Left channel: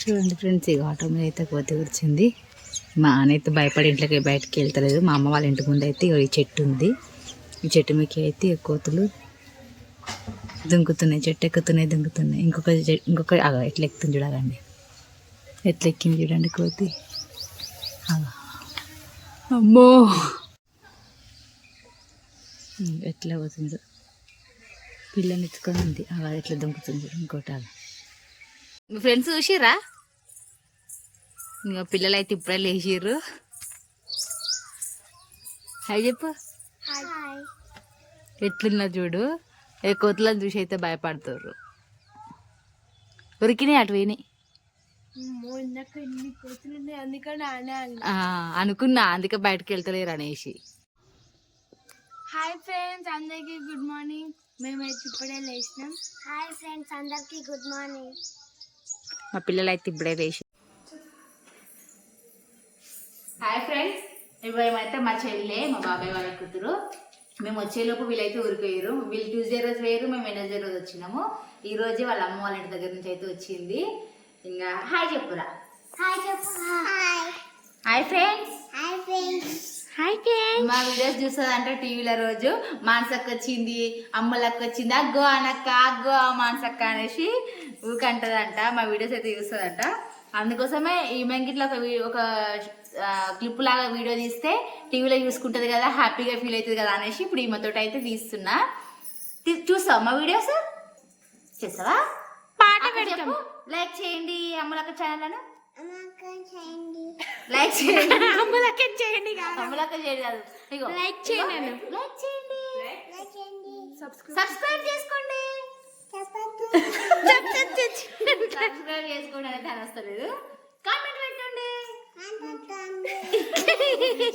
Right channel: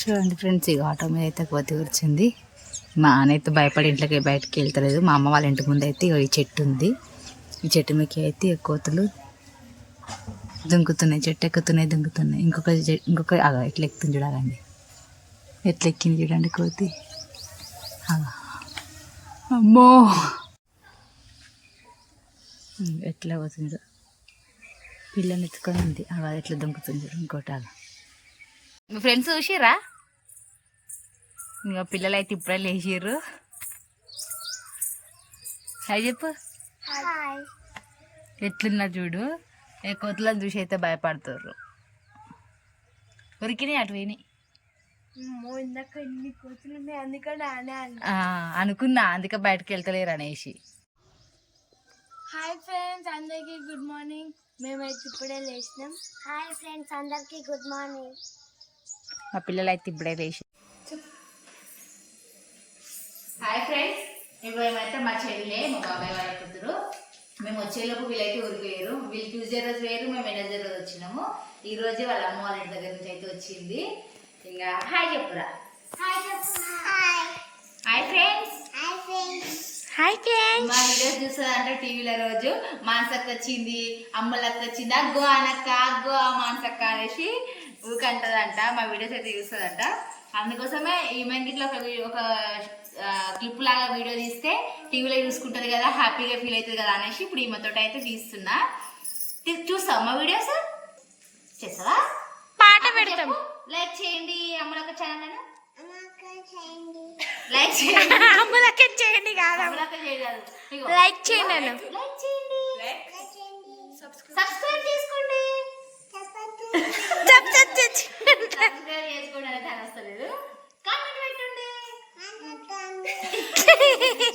చూడండి ఫ్రెండ్స్ ఇక ఆటో మీద అయితే కోతి కూర్చుంది. మా అనైతే అయితే భయపడి ఇంట్లోకి బయటకి వెళ్తలేదు. మా అమ్మ వాళ్ళ ఇంటి ముందు అయితే ఈ చెట్టు ఉంది. ఈ చెట్టు మీకు అయితే కోతులు దుంకుతున్నాయి చెట్టు ఎక్కుతున్నాయి దుంకుతున్నాయి. ఇంకొక ఇంకొక అగ ఎట్లా ఎక్కుతుంది చూడాలండి. ఎట్లా ఎక్కింది చూడండి కోతి. అగా అమ్మో! ఎట్లా పోతుంది. పిల్లని ఎత్తుకొని ఉంది. అలా ఎట్లా దుంకుతుంది చూడు ఇంకోటి అలా మీ ఫ్రెండ్స్ చూసిర్రా? ఇంకా పిల్లలు అయితే ఇప్పుడే లేచిర్రు. హాయ్ చెప్పు. ఎట్లున్నా చూడు? ఏ కోతులను చూసి అయితే భయపడుతుర్రు. ఉరికినాయి అటు పోయినాయి ఆ, అనుకున్నా అందుకే బయటకు వెళ్తలేరు అనేసి. హాయ్ ఫ్రెండ్స్ అందరికి గుడ్ మార్నింగ్. మేమైతే ఇప్పుడే లేచినాం. హాయ్ ఫ్రెండ్స్ అందరికి గుడ్ మార్నింగ్. మా పిల్లలు అయితే ఇప్పుడే లేచి హాయ్ ఫ్రెండ్స్ ఏమైతే మా చెల్లె మా బాబాయ్ వాళ్ళ కూతురు. మేము వచ్చేలోపు వీళ్ళైతే ఊరిపోయారు. వీళ్ళు ట్యూస్డే రోజు వేరు మేము వెనస్డే రోజు వచ్చినాము. ఈ రోజే వాళ్ళ అమ్మ వాళ్ళ ఇంటి దగ్గర నుంచి అయితే వచ్చింది. ఇంకా హాయ్ చెప్పురా. హాయ్ చెప్పు hi hi friends hi friends hi friends మా వీడియోస్ చూస్తుందంటే టీవీలో రోజు మానసక్క వచ్చింది అమ్మలక్క వచ్చింది అగ్గో అనక్క అగ్గో మానసక్క అనేసి ఊకంటదంట మా వీడియోస్ అయితే చూస్తుందంట అందుకోసమే ఈమెకి ఇట్లా ఒక ఒక క్లిప్ లాగా వీడియో తీస్తే టీవీలో చూసుకుంటది కదా హ్యాపీగా ఫీల్ అవుతుంది కదా అనేసి ఇప్పుడు ఈమెతో అయితే తీస్తున్నా. చూస్తావా మా వీడియోస్? చేస్తావా? పాట పెడతాం. లైక్ చేయండి అమ్మలక్క ఛానల్ చేయండి. లైక్ చేయండి. అమ్మలకే చేయండి కాదు. అమ్మలక్క చేయండి కాదు. ఇగో. లైక్ చేయండి అను. లైక్ చేయండి. సబ్స్క్రైబ్ చేసుకోండి.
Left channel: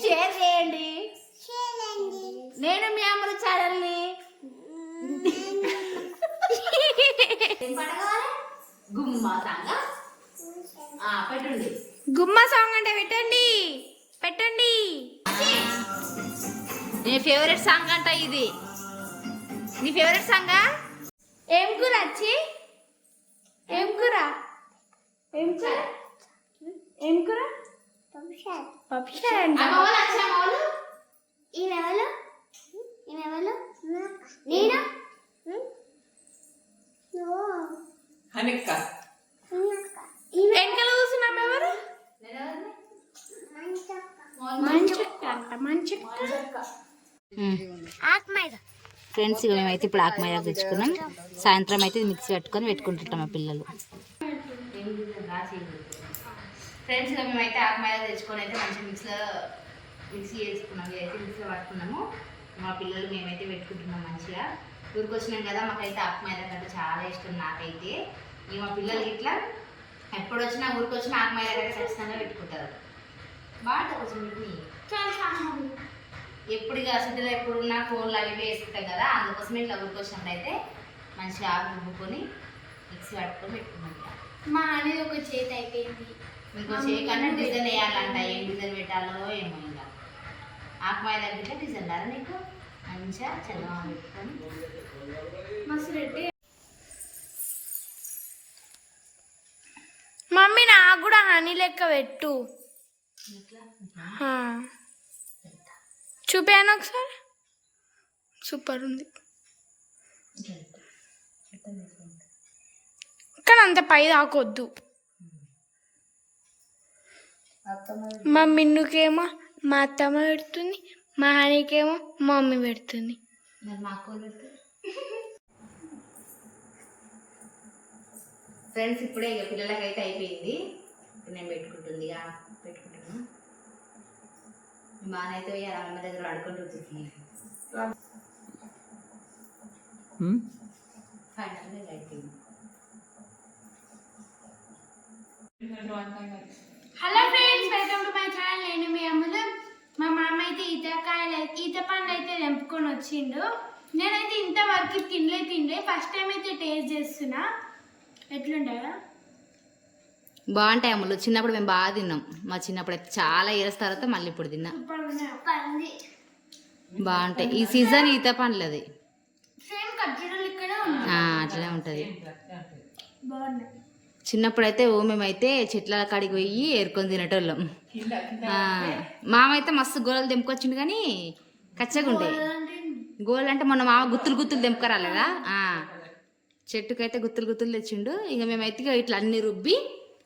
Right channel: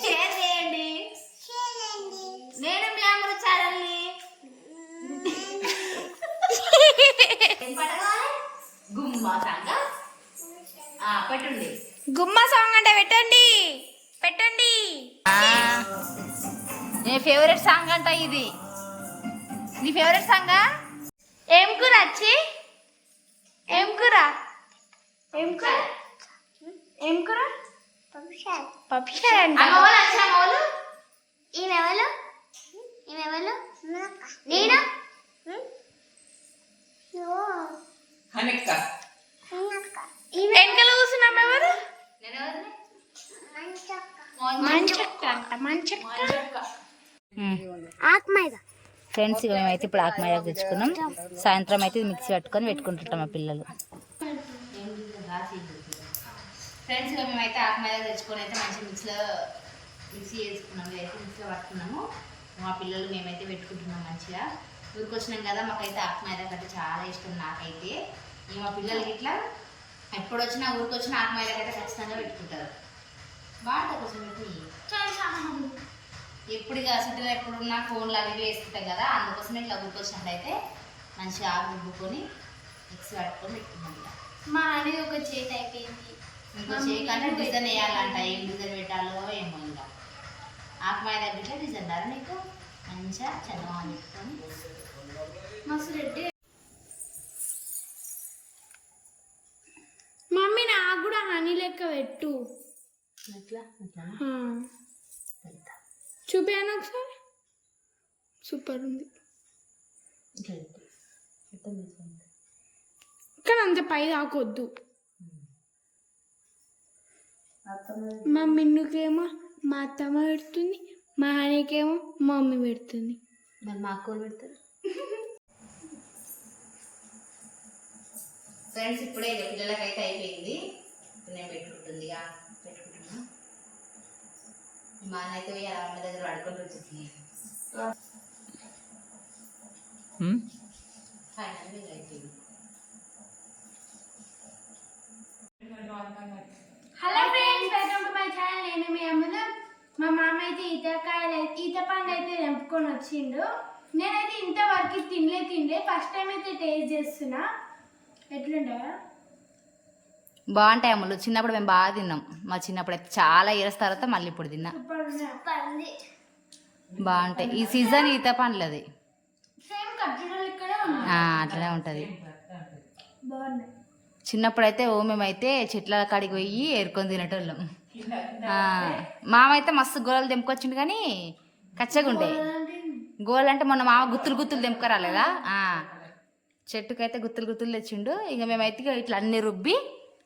షేర్ చేయండి. నేను మీ అమ్మల ఛానల్ని. గుమ్మా సాంగ్ పెట్టండి. గుమ్మ సాంగ్ అంటే పెట్టండి. పెట్టండి. నీ ఫేవరెట్ సాంగ్ అంట ఇది. నీ ఫేవరెట్ సాంగా ఏం కూర వచ్చి ఏం కూర? ఏం కూర? ఏం కూర? పప్పుచారు. అంట ఈమెవలు ఈమెవలు నేను? వెనకాల కూర్చున్నాం ఎవరు? మంచక్క. అంట మంచక్క. ఆత్మైద ఫ్రెండ్స్ ఇక మేమైతే ఇప్పుడు ఆకుమైదా తెచ్చుకున్నాం. సాయంత్రం అయితే ఇది మిక్సీ పట్టుకొని పెట్టుకుంటుంటాం మా పిల్లలు. ఫ్రెండ్స్ ఇక మేమైతే ఆకుమైదా తెచ్చుకొని అయితే మంచిగా మిక్సీలో మిక్సీ చేసుకున్నాం. ఇదైతే మిక్సీలో పట్టుకున్నాము. మా పిల్లలు మేమైతే పెట్టుకుంటున్నాం మంచిగా. ఊరికి వచ్చినాం కదా మాకైతే ఆకుమైదా కంటే చాలా ఇష్టం నాకైతే. ఈ మా పిల్లలు ఇట్లా ఎప్పుడు వచ్చినా ఊరికి వచ్చినా ఆకుమైదా కంటే ఖచ్చితంగా పెట్టుకుంటారు. బాగుంటుంది కొంచెం ఎప్పుడు అసలు ఎప్పుడు ఉన్న ఫోన్లు అవి వేసుకుంటాం కదా అందుకోసమే ఇట్లా ఊరికి వచ్చినప్పుడు అయితే మంచిగా ఆకు రుబ్బుకొని మిక్సీ పట్టుకొని పెట్టుకున్నాం ఇక. మా అనేది ఒక చేతి అయిపోయింది. ఇంకో చేయకుండా డిజైన్ వేయాలంట ఏం డిజైన్ పెట్టాలో ఏమో ఇంకా. ఆకుమాయ దగ్గర డిజైన్ రారా నీకు? మంచిగా చందమా పెట్టుకొని. మస్తు రెడ్డి. మమ్మీ నాకు కూడా హనీ లెక్క పెట్టు. చూపాను ఒకసారి? సూపర్ ఉంది. కానీ అంత పై దాకొద్దు. మా మిన్నుకేమో మా అత్తమ్మ పెడుతుంది మా హనీకేమో మా మమ్మీ పెడుతుంది ఫ్రెండ్స్ ఇప్పుడే ఇక పిల్లలకైతే అయిపోయింది. ఇప్పుడు నేను పెట్టుకుంటుంది మా నాన్నైతే పోయి వాళ్ళ అమ్మ దగ్గర పడుకొని రుచుతుంది ఫైనల్గా ఇక అయిపోయింది. Hello friends welcome to my channel. నేను మీ అమ్మలు మా మామ అయితే ఈతకాయలు ఈత పండు అయితే తెంపుకొని వచ్చిండు. నేనైతే ఇంతవరకు తినలే తినలే. ఫస్ట్ టైం అయితే టేస్ట్ చేస్తున్నా. ఎట్లుంటాయా? బాగుంటాయి అమ్ములు. చిన్నప్పుడు మేము బాగా తిన్నాం. మా చిన్నప్పుడు అయితే చాలా ఇయర్స్ తర్వాత మళ్ళీ ఇప్పుడు తిన్నా. బాగుంటాయి. ఈ సీజన్ ఈత ఉన్నాయి. ఆ, అట్లనే ఉంటుంది. బాగున్నాయి. చిన్నప్పుడైతే ఓ మేమైతే చెట్ల కాడికి పోయి ఏరుకొని తినేటోళ్ళం. మామైతే మస్తు గోళలు తెంపుకొచ్చిండు కానీ కచ్చగా ఉంటాయి గోళ అంటే మొన్న మామ గుత్తులు గుత్తులు తెంపుకరాలేదా? చెట్టుకైతే గుత్తులు గుత్తులు తెచ్చిండు. ఇక మేమైతే ఇట్లా అన్ని రుబ్బి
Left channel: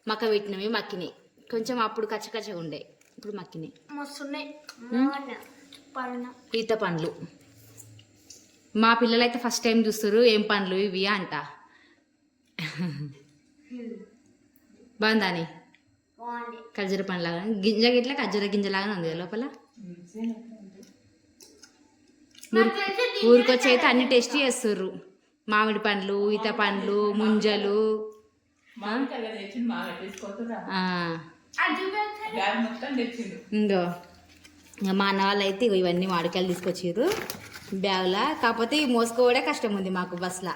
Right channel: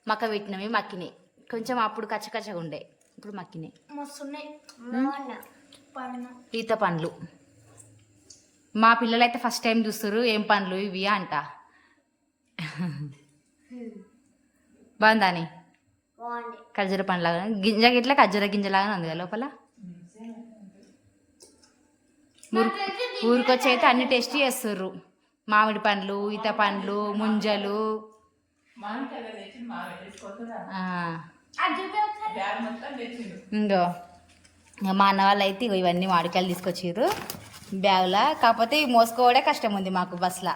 మక్క పెట్టినాం ఇవి మక్కినాయి కొంచెం అప్పుడు కచ్చ కచ్చగా ఉండే. ఇప్పుడు మక్కినాయి ఈత పండ్లు. మా పిల్లలైతే ఫస్ట్ టైం చూస్తారు ఏం పండ్లు ఇవి అంట. బాగుందాని? బాగుంది. ఖర్జూర పండ్లాగా. గింజ గిట్ల ఖర్జూర గింజలాగానే ఉంది కదా లోపల? ఊరికొచ్చి అయితే అన్ని టేస్ట్ చేస్తుర్రు. మామిడి పండ్లు ఈత పండ్లు ముంజలు. ఇంకో ఇంకా మా అన్న వాళ్ళు అయితే ఇగో ఇవన్నీ మామిడికాయలు తీసుకొచ్చిర్రు బ్యాగులా. కాకపోతే ఇవి మోసుకోవడే కష్టం ఉంది మాకు బస్లా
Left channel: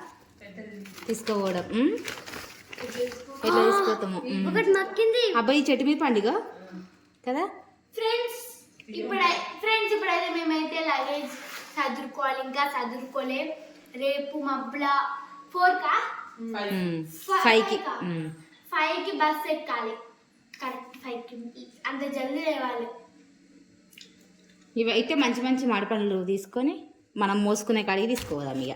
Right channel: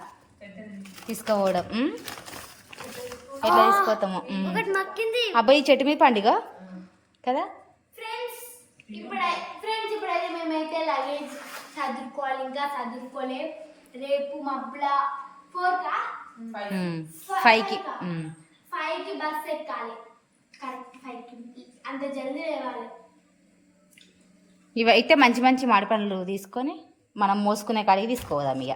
తీసుకోవడం? ఎట్లా తీసుకోతాము ఉమ్. ఒకటి మక్కింది అబ్బాయి ఈ చెట్టు మీద పండుగ కదా? ఫ్రెండ్స్ ఇప్పుడు ఫ్రెండ్స్ ఇప్పుడైతే మేమైతే లగేజ్ చదువుకోవాలి ఇంకా చదువుకోలే రేపు మబ్బుల కా. ఫైవ్కి ఉమ్. ఫైవ్కి బస్ ఎక్కాలి. కరెక్ట్ ఫైవ్కి అంత జల్దీ లేవాలి. ఇవి అయితే మంచి మంచి మామిడి పండ్లు తీసుకొని మనం మోసుకునే కాడికి తీసుకోవదాం ఇక